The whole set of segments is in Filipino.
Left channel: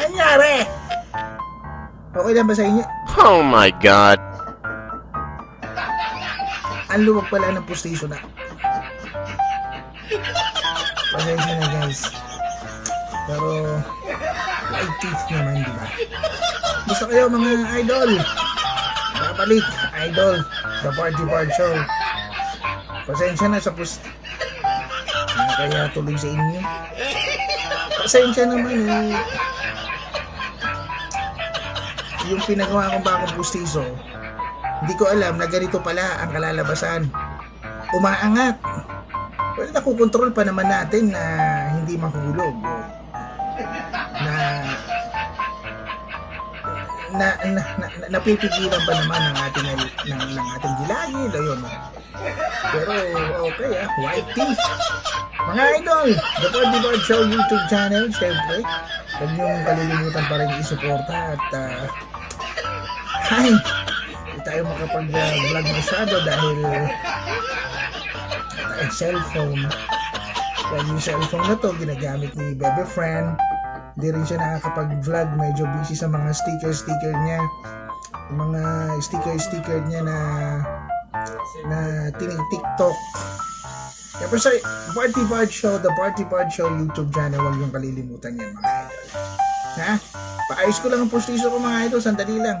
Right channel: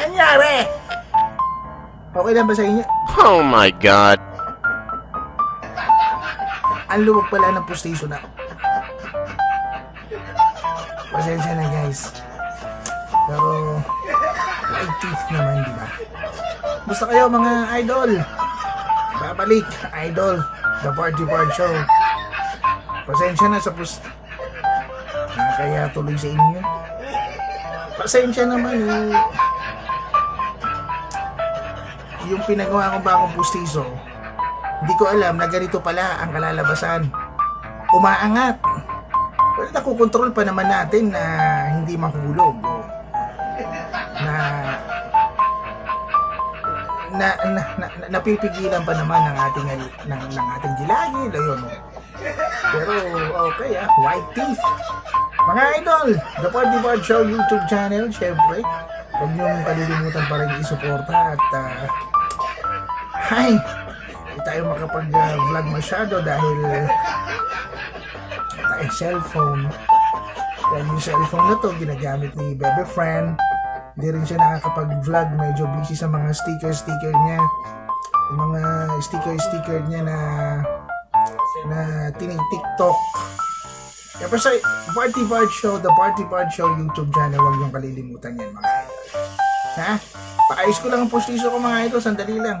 Anyari? Okay lang ba sa inyo? Oh my God. Ang luwag pala ng pustiso na. Pasensya na guys. Pero, like teeth naman, di ba? Gusto kayo mga idol? Babalik, idol. The Party Part Show. Pasensya na sa kaya tuloy sa inyo. Pasensya naman eh. Yung pinagawa kong bagong pustiso, hindi ko alam na ganito pala ang kalalabasan. Umaangat. Well, nakukontrol pa naman natin na hindi mahulog. Napipigilan pa naman ng ating gilagid. Ayun. Pero okay white teeth. Mga idol, The Party Part Show YouTube channel, syempre. Huwag niyong kalilimutan pa rin isuporta at hindi tayo makapag-vlog masyado dahil tayong cellphone. Yan yung cellphone na to, ginagamit ni Bebe Friend. Hindi rin siya nakakapag-vlog, medyo busy sa mga sticker niya. Yung mga sticker niya na tini-TikTok. Kaya pa sa Party Part Show, The Party Part Show YouTube channel, huwag niyong kalilimutan yan mga idol. Ha? Paayos ko lang ang postiso ko mga idol, sandali lang.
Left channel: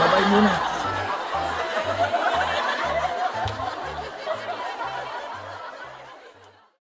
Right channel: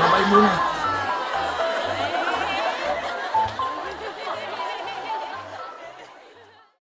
Babay muna.